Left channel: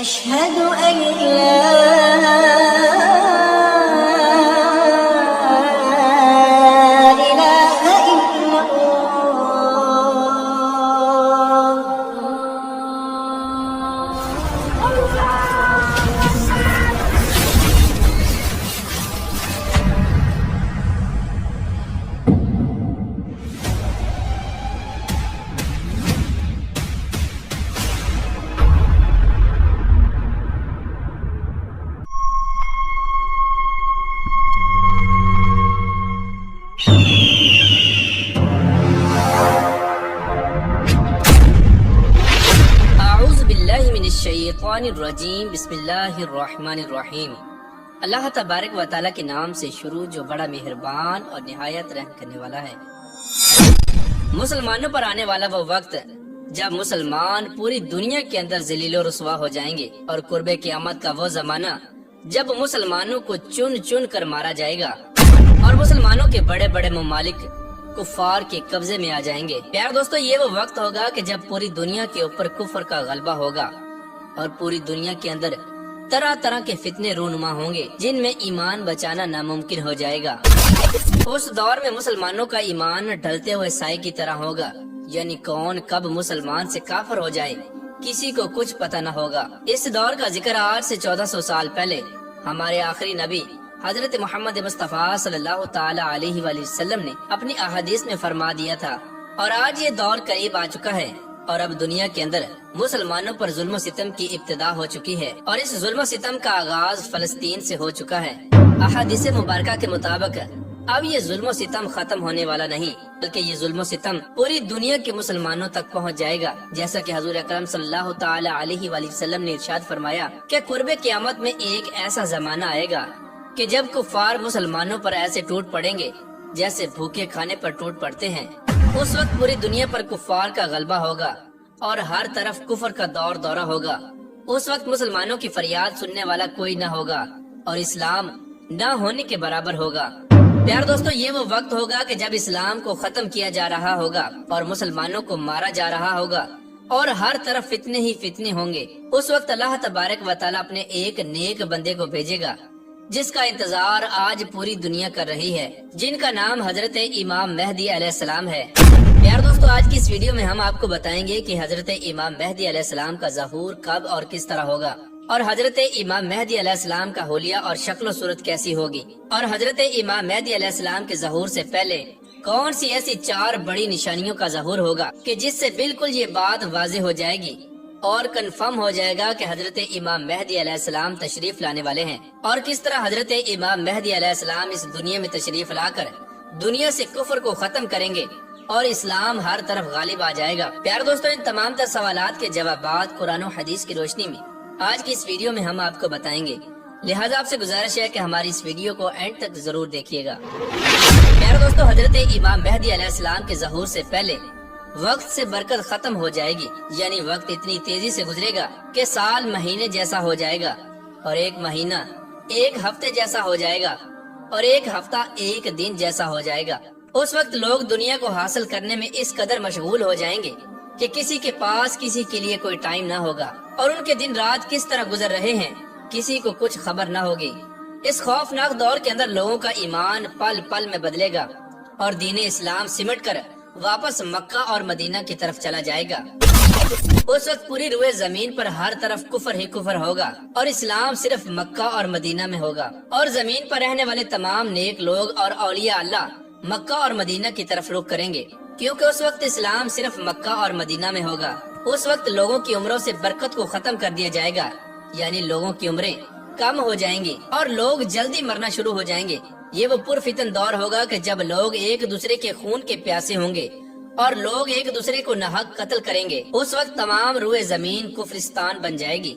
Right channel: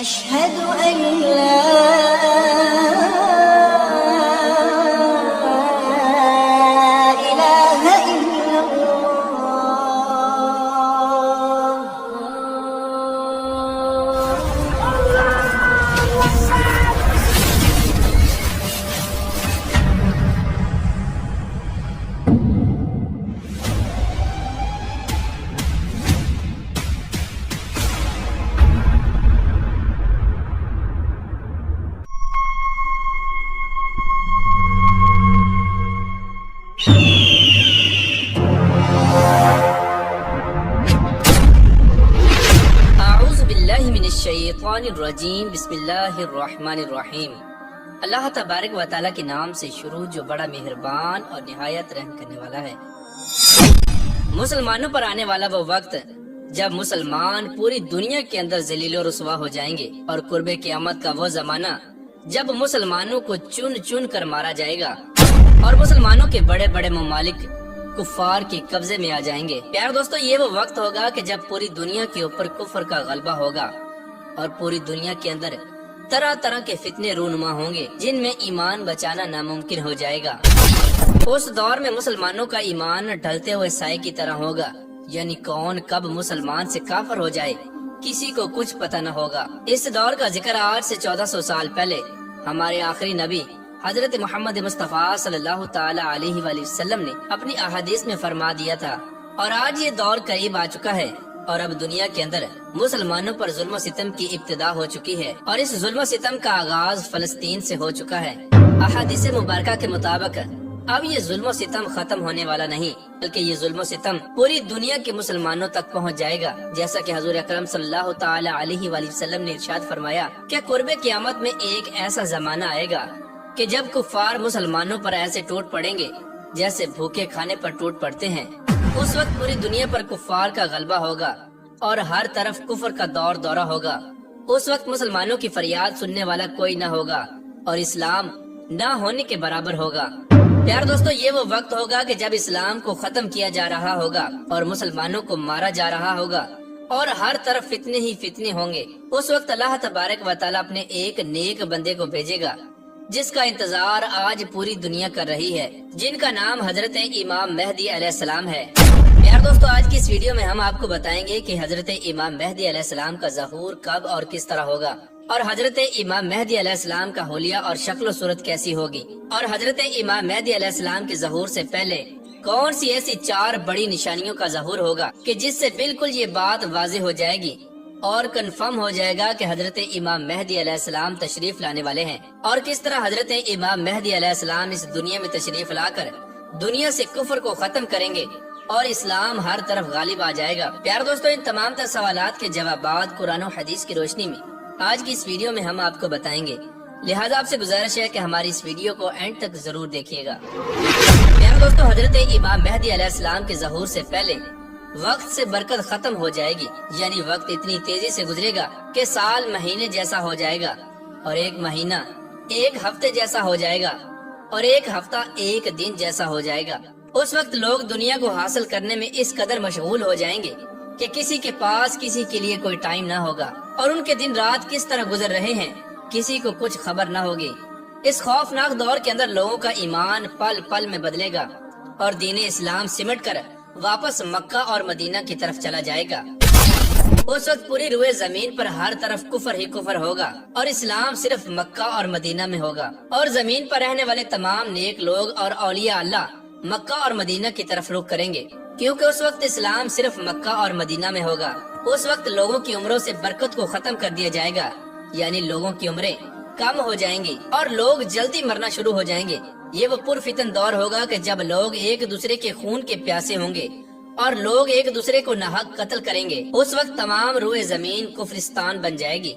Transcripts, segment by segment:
أشهد أن لا إله إلا اعوذ باللہ من الشیطان الرجیم بسم اللہ الرحمن الرحیم۔ اللہ تبارک و تعالیٰ کے نام سے شروع جو بڑا مہربان اور نہایت رحم کرنے والا ہے۔ مسلمانوں پر آنے والا وہ وقت جب مسلمان پوری دنیا کے اندر ذلیل و رسوا ہو جائیں گے، اور قرب قیامت کا وہ زمانہ جب مسلمانوں کو چن چن کر مارا جائے گا اور مسلمانوں کے بڑے بڑے ممالک کفار کے قبضے میں آ جائیں گے۔ پیار دوستو، یہ وہ وقت ہوگا کہ جب پوری دنیا کے اوپر کفر کا غلبہ ہوگا اور پوری دنیا کے اندر طرح طرح کے فتنے رونما ہوں گے جن میں ایمان بچانا ناممکن ہو جائے گا۔ اس دور میں مسلمانوں کا ایمان ڈھلتے ہوئے سائے کی طرح ہوگا، یعنی کون کب مسلمان سے کافر ہو جائے کسی کو کچھ پتہ نہ ہوگا۔ اس دور کا ذکر آج سے 1400 سال پہلے ہمارے آخری نبی حضرت محمد مصطفیٰ صلی اللہ تعالی علیہ وآلہ وسلم نے اپنی احادیث میں فرما دیا تھا، اور آج یہ دور قریب آ چکا ہے، اور اب دنیا کے اندر مسلمانوں پر ظلم و ستم کی ابتدا ہو چکی ہے، اور اس ظلم و ستم کا آغاز فلسطین سے ہو چکا ہے۔ احادیث مبارکہ کے مطابق اب یہ ظلم و ستم ختم ہونے والا نہیں، بلکہ یہ ظلم و ستم پوری دنیا کے مسلمانوں تک پہنچ جائے گا، جیسا کہ حضور اکرم صلی اللہ تعالی علیہ وآلہ وسلم نے ارشاد فرمایا کہ قرب قیامت میں ایک ایسا زمانہ آئے گا کہ جب کفار مسلمانوں پر ایسے ٹوٹ پڑیں گے جیسے بھوکے کھانے پر ٹوٹ پڑتے ہیں۔ اس وقت پوری دنیا پر کفار کا غلبہ ہوگا اور ہر طرف کفر کا دور دورہ ہوگا۔ اس وقت مسلمانوں کی فریاد سننے والا کوئی نہ ہوگا اور اسلام نہ ہونے کے برابر ہوگا۔ پیار دوستو، یہ وہ وقت ہوگا کہ جب اسلام کو ختم کیا جا رہا ہوگا اور مسلمانوں کو مارا جا رہا ہوگا اور ہر طرف فتنے ہی فتنے ہوں گے۔ اس وقت اللہ تبارک و تعالیٰ اپنے ایک نیک بندے کو بھیجے گا جس کا انتظار آج پوری دنیا کر رہی ہے، جن کا نام حضرت امام مہدی علیہ السلام ہے۔ پیار دوستو، آج کی اس ویڈیو میں ہم آپ کو بتائیں گے کہ حضرت امام مہدی علیہ السلام کا ظہور کب اور کس طرح ہوگا، اور حضرت امام مہدی علیہ السلام کا حلیہ اور شکل و صورت کیسی ہوگی، اور حضرت امام مہدی علیہ السلام کے ظہور سے پہلے کون سی ایسی 4 بڑی نشانیوں کا ظہور ہوگا کہ جس سے بالکل یہ بات واضح ہو جائے گی اور کنفرم ہو جائے گا کہ حضرت امام مہدی علیہ السلام تشریف لانے والے ہیں، اور کس طرح حضرت امام مہدی علیہ السلام اس دنیا میں تشریف لا کر دنیا سے کفر کو ختم کریں گے اور اسلام ہر طرف غالب آ جائے گا۔ پیار دوستو، ان تمام تر سوالات کے جوابات قرآن و حدیث کی روشنی میں آج کی اس ویڈیو میں ہم آپ کو بتائیں گے، لہذا آپ سے گزارش ہے کہ ہماری اس ویڈیو کو اینڈ تک ضرور دیکھیے گا۔ پیار دوستو، حضرت امام مہدی علیہ السلام کے ظہور سے پہلے وقت سے برکت ختم ہو جائے گی، یعنی وقت اتنی تیزی سے گزرے گا کہ سال مہینے جیسا ہو جائے گا، اور ایک مہینہ ایک ہفتے جیسا ہو جائے گا، اور ایک ہفتہ ایک دن جیسا ہو جائے گا۔ اس وقت لوگ دنیا کو حاصل کرنے میں اس قدر مشغول ہو جائیں گے کہ کسی کے پاس کسی کے لیے کوئی ٹائم نہ ہوگا، اور ان کے دن رات کس طرح گزر رہے ہیں کسی کو کچھ خبر نہ ہوگی۔ اس خوفناک دور کے اندر لوگوں کا ایمان پل پل میں بدلے گا اور دین اسلام سمٹ کر واپس مکہ اور مدینہ کی طرف چلا جائے گا۔ اس وقت پوری روئے زمین پر ہر طرف کفر ہی کفر ہوگا، اور اسلام صرف مکہ اور مدینہ میں ہوگا، اور زمین پر رہنے والے تمام نیک لوگ اور اولیاء اللہ مکہ اور مدینہ کی طرف رخ کریں گے، کیونکہ اس وقت اسلام صرف مکہ اور مدینہ میں ہوگا۔ اس وقت لوگوں کی عمروں سے برکت کو ختم کر دیا جائے گا، یعنی لوگوں کی عمریں کم ہو جائیں گی اور لوگ جلدی مرنا شروع ہو جائیں گے۔ یہ وہ پرفتن دور ہوگا کہ جب لوگ ایک دوسرے کے خون کے پیاسے ہوں گے اور لوگ ایک دوسرے کو ناحق قتل کریں گے۔ اس وقت تمام روئے زمین کفرستان بن جائے گی۔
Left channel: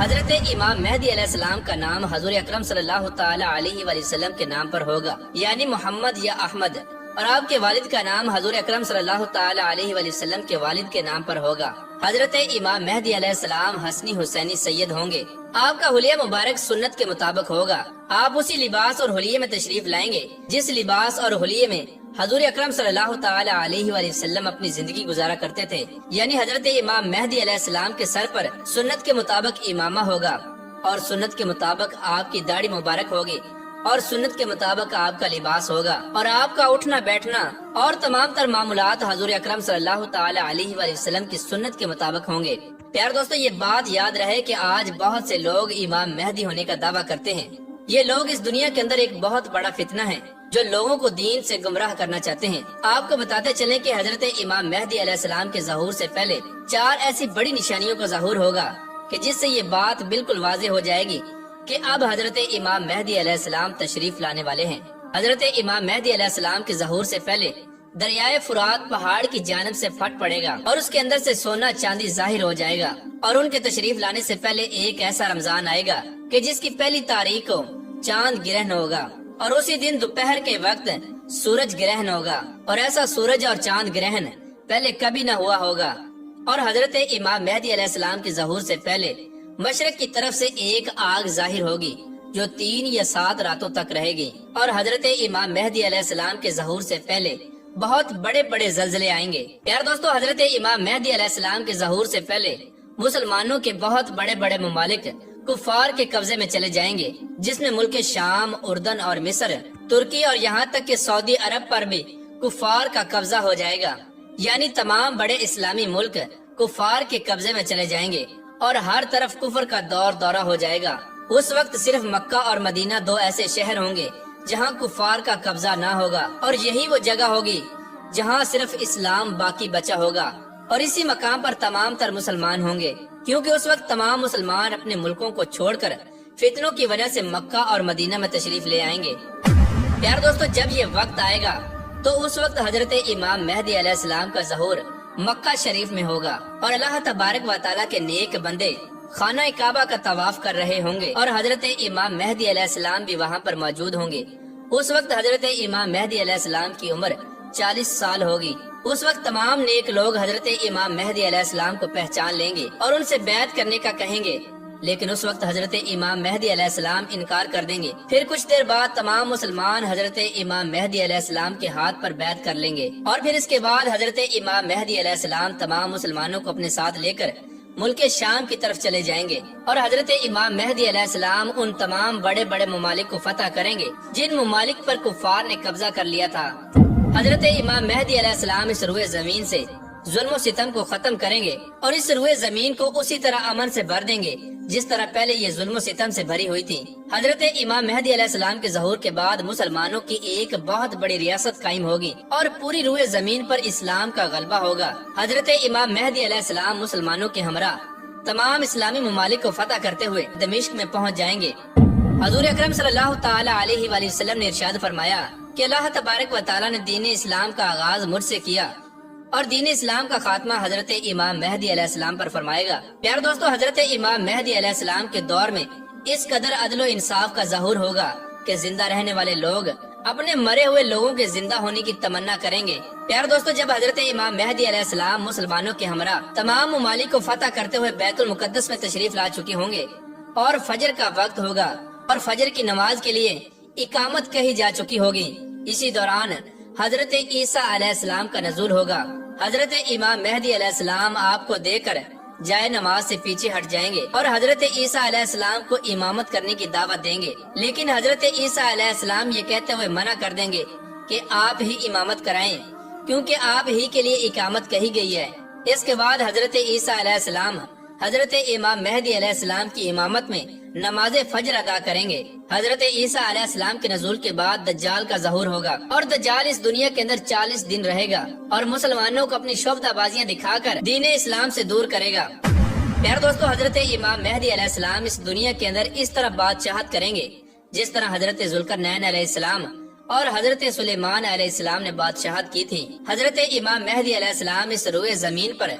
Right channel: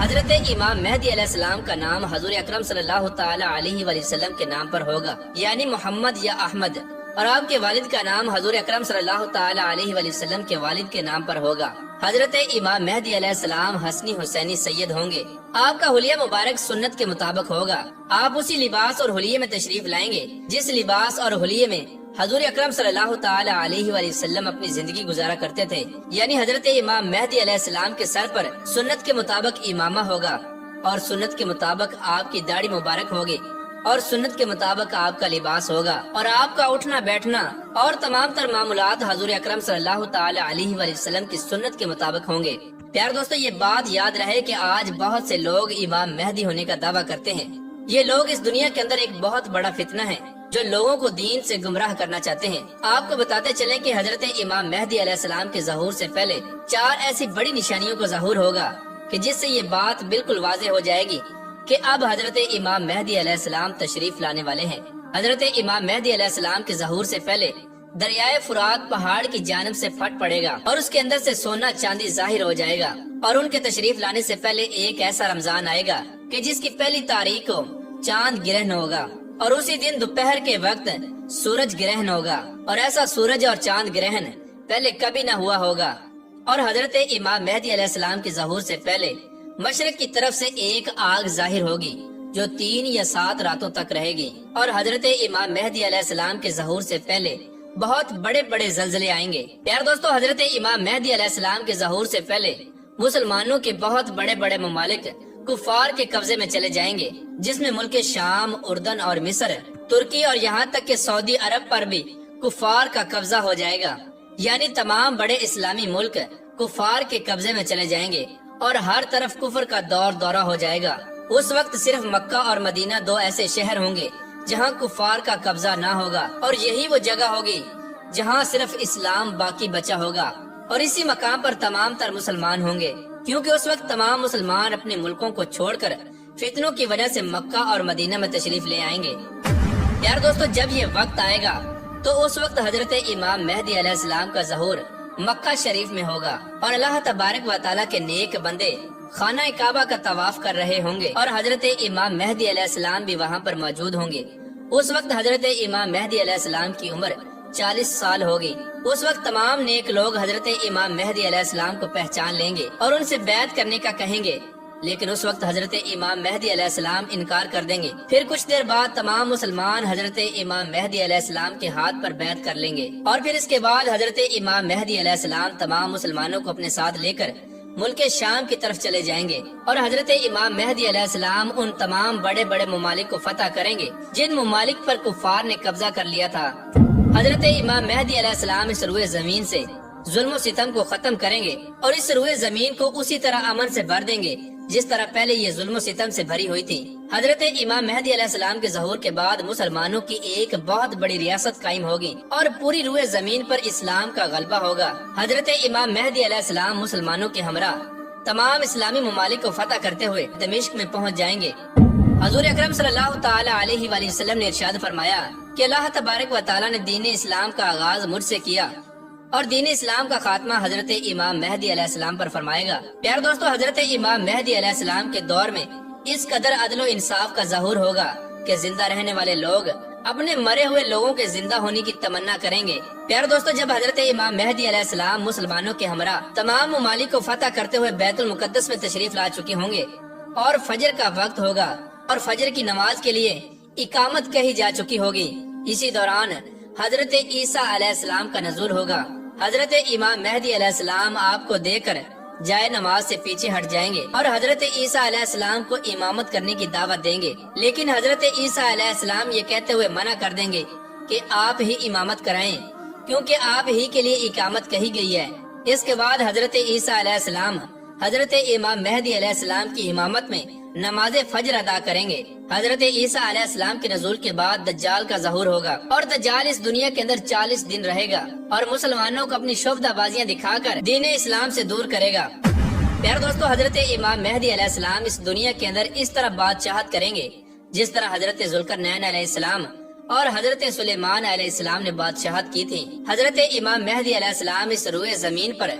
حضرت امام مہدی علیہ السلام کا نام حضور اکرم صلی اللہ تعالی علیہ وآلہ وسلم کے نام پر ہوگا، یعنی محمد یا احمد، اور آپ کے والد کا نام حضور اکرم صلی اللہ تعالی علیہ وآلہ وسلم کے والد کے نام پر ہوگا۔ حضرت امام مہدی علیہ السلام حسنی حسینی سید ہوں گے۔ آپ کا حلیہ مبارک سنت کے مطابق ہوگا۔ آپ اسی لباس اور حلیے میں تشریف لائیں گے جس لباس اور حلیے میں حضور اکرم صلی اللہ تعالی علیہ وآلہ وسلم اپنی زندگی گزارا کرتے تھے، یعنی حضرت امام مہدی علیہ السلام کے سر پر سنت کے مطابق امامہ ہوگا، اور سنت کے مطابق آپ کی داڑھی مبارک ہوگی، اور سنت کے مطابق آپ کا لباس ہوگا، اور آپ کا اٹھنا بیٹھنا اور تمام تر معاملات حضور اکرم صلی اللہ تعالی علیہ وآلہ وسلم کی سنت کے مطابق ہوں گے۔ پیارے دوستو، یہ بات یاد رہے کہ آج بہت سے لوگ امام مہدی ہونے کا دعویٰ کرتے ہیں۔ یہ لوگ اس دنیا کے اندر ایک بہت بڑا فتنہ ہے جو لوگوں کو دین سے گمراہ کرنا چاہتے ہیں۔ آپ کو بتاتے چلیں کہ حضرت امام مہدی علیہ السلام کے ظہور سے پہلے 4 ایسی بڑی نشانیوں کا ظہور ہوگا کہ جس سے یہ بات بالکل واضح ہو جائے گی کہ اب حضرت امام مہدی علیہ السلام تشریف لانے والے ہیں۔ حضرت امام مہدی علیہ السلام کے ظہور سے پہلے دریائے فرات پہاڑ کی جانب سے پھٹ پڑے گا اور اس کے اندر سے سونا چاندی ظاہر ہو جائے گا، اور ان کے تشریف لانے سے پہلے ایک ایسا رمضان آئے گا کہ جس کی پہلی تاریخ کو چاند گرہن ہوگا، اور اسی دن دوپہر کے وقت سورج گرہن ہوگا، اور ایسا سورج اور چاند گرہن پہلے کبھی نہ ہوا ہوگا۔ اور حضرت امام مہدی علیہ السلام کے ظہور سے پہلے مشرق کی طرف سے ایک آگ ظاہر ہوگی جو 3 یا 7 راتوں تک رہے گی، اور حضرت امام مہدی علیہ السلام کے ظہور سے پہلے بہت بڑے بڑے زلزلے آئیں گے۔ پیارے دوستو، حضرت امام مہدی علیہ السلام کے ظہور سے پہلے مسلمانوں کے بہت بڑے بڑے ممالک کفار کے قبضے میں چلے جائیں گے، جس میں ملک شام، اردن اور مصر، ترکی اور یہاں تک کہ سعودی عرب پر بھی کفار کا قبضہ ہو جائے گا، یعنی تمام بڑے اسلامی ملک کفار کے قبضے میں چلے جائیں گے اور ہر طرف کفر کا دورہ ہو جائے گا۔ اس وقت صرف مکہ اور مدینہ 2 ایسے شہر ہوں گے جہاں کفار کا قبضہ نہ ہوگا، اور یہی وہ جگہ ہوگی جہاں صرف اسلام باقی بچا ہوگا، اور اسی مقام پر تمام تر مسلمان ہوں گے، کیونکہ اس وقت تمام مسلمان اپنے ملکوں کو چھوڑ کر فتنوں کی وجہ سے مکہ اور مدینہ میں تشریف لے آئیں گے۔ پیارے دوستو، جب یہ وقت آئے گا تو اس وقت حضرت امام مہدی علیہ السلام کا ظہور مکہ شریف میں ہوگا، اور اللہ تبارک و تعالیٰ کے نیک بندے خانہ کعبہ کا طواف کر رہے ہوں گے، اور حضرت امام مہدی علیہ السلام بھی وہاں پر موجود ہوں گے۔ اس وقت حضرت امام مہدی علیہ السلام کی عمر 40 سال ہوگی۔ اس وقت تمام نیک لوگ حضرت امام مہدی علیہ السلام کو پہچان لیں گے اور ان سے بیعت کرنے کا کہیں گے، لیکن اس وقت حضرت امام مہدی علیہ السلام انکار کر دیں گے۔ پھر کچھ دیر بعد تمام مسلمان حضرت امام مہدی علیہ السلام کے ہاتھ پر بیعت کر لیں گے، اور پھر اس کے بعد حضرت امام مہدی علیہ السلام تمام مسلمانوں کو اپنے ساتھ لے کر ملک شام کی طرف چلے جائیں گے، اور حضرت امام مہدی علیہ السلام ان تمام بڑے بڑے ممالک کو فتح کریں گے جن ممالک پر کفار نے قبضہ کر لیا تھا۔ حضرت امام مہدی علیہ السلام اس روئے زمین سے ظلم و ستم کو ختم کریں گے، اور اس روئے زمین کو اسی طرح امن سے بھر دیں گے جس طرح پہلے یہ ظلم و ستم سے بھری ہوئی تھی۔ حضرت امام مہدی علیہ السلام کے ظہور کے بعد مسلمانوں کی ایک بہت بڑی ریاست قائم ہوگی، اور پوری روئے زمین پر اسلام کا غلبہ ہوگا۔ حضرت امام مہدی علیہ السلام مسلمانوں کے ہمراہ تمام اسلامی ممالک کو فتح کرتے ہوئے دمشق میں پہنچ جائیں گے۔ حضور اکرم صلی اللہ تعالی علیہ وآلہ وسلم نے ارشاد فرمایا کہ اللہ تبارک و تعالی نے دین اسلام کا آغاز مجھ سے کیا، اور دین اسلام کا خاتمہ حضرت امام مہدی علیہ السلام پر فرمائے گا۔ پیارے دوستو، حضرت امام مہدی علیہ السلام کے دور میں اس قدر عدل و انصاف کا ظہور ہوگا کہ زندہ رہنے والے لوگ اپنے مرے ہوئے لوگوں کے زندہ ہونے کی تمنا کریں گے۔ پیارے دوستو، جب حضرت امام مہدی علیہ السلام مسلمانوں کے ہمراہ تمام ممالک کو فتح کرتے ہوئے بیت المقدس میں تشریف لا چکے ہوں گے، اور فجر کا وقت ہوگا اور فجر کی نماز کے لیے اقامت کہی جا چکی ہوگی، اسی دوران حضرت عیسیٰ علیہ السلام کا نزول ہوگا۔ حضرت امام مہدی علیہ السلام آپ کو دیکھ کر جائے نماز سے پیچھے ہٹ جائیں گے اور حضرت عیسیٰ علیہ السلام کو امامت کرنے کی دعوت دیں گے، لیکن حضرت عیسیٰ علیہ السلام یہ کہتے ہوئے منع کر دیں گے کہ آپ ہی امامت کرائیں، کیونکہ آپ ہی کے لیے اقامت کہی گئی ہے۔ اس کے بعد حضرت عیسیٰ علیہ السلام حضرت امام مہدی علیہ السلام کی امامت میں نماز فجر ادا کریں گے۔ حضرت عیسیٰ علیہ السلام کے نزول کے بعد دجال کا ظہور ہوگا، اور دجال اس دنیا کے اندر 40 دن رہے گا اور مسلمانوں کو اپنی شوفتہ بازیاں دکھا کر دین اسلام سے دور کرے گا۔ پیارے دوستو، حضرت امام مہدی علیہ السلام اس دنیا کے اندر اس طرح بادشاہت کریں گے جس طرح حضرت ذوالقرنین علیہ السلام اور حضرت سلیمان علیہ السلام نے بادشاہت کی تھی۔ حضرت امام مہدی علیہ السلام اس روئے زمین پر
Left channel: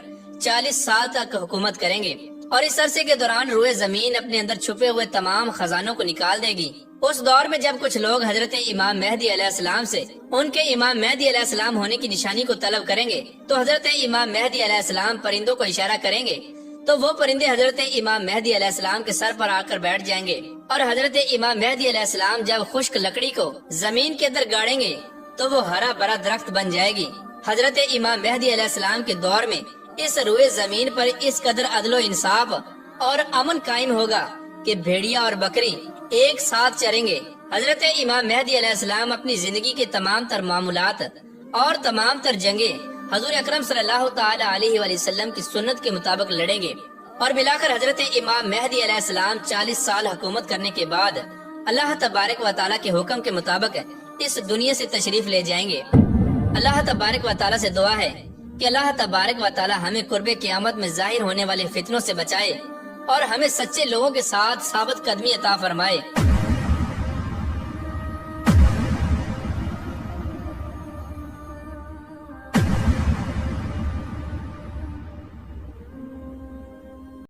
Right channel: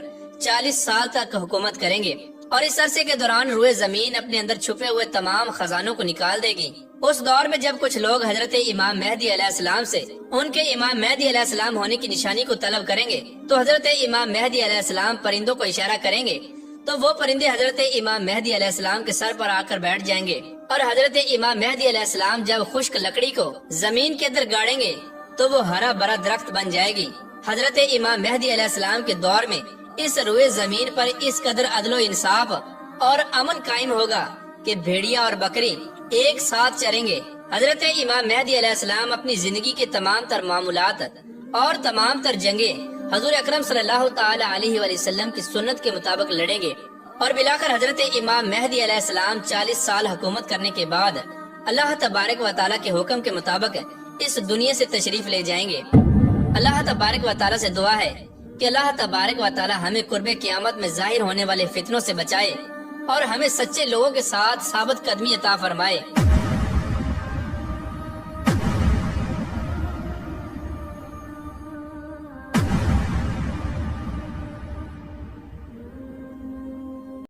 40 سال تک حکومت کریں گے، اور اس عرصے کے دوران روئے زمین اپنے اندر چھپے ہوئے تمام خزانوں کو نکال دے گی۔ اس دور میں جب کچھ لوگ حضرت امام مہدی علیہ السلام سے ان کے امام مہدی علیہ السلام ہونے کی نشانی کو طلب کریں گے تو حضرت امام مہدی علیہ السلام پرندوں کو اشارہ کریں گے تو وہ پرندے حضرت امام مہدی علیہ السلام کے سر پر آ کر بیٹھ جائیں گے، اور حضرت امام مہدی علیہ السلام جب خشک لکڑی کو زمین کے اندر گاڑیں گے تو وہ ہرا بھرا درخت بن جائے گی۔ حضرت امام مہدی علیہ السلام کے دور میں اس روئے زمین پر اس قدر عدل و انصاف اور امن قائم ہوگا کہ بھیڑیا اور بکری ایک ساتھ چریں گے۔ حضرت امام مہدی علیہ السلام اپنی زندگی کے تمام تر معاملات اور تمام تر جنگیں حضور اکرم صلی اللہ تعالی علیہ وآلہ وسلم کی سنت کے مطابق لڑیں گے، اور بلاخر حضرت امام مہدی علیہ السلام 40 سال حکومت کرنے کے بعد اللہ تبارک و تعالیٰ کے حکم کے مطابق اس دنیا سے تشریف لے جائیں گے۔ اللہ تبارک و تعالیٰ سے دعا ہے کہ اللہ تبارک و تعالیٰ ہمیں قرب قیامت میں ظاہر ہونے والے فتنوں سے بچائے اور ہمیں سچے لوگوں کے ساتھ ثابت قدمی عطا فرمائے۔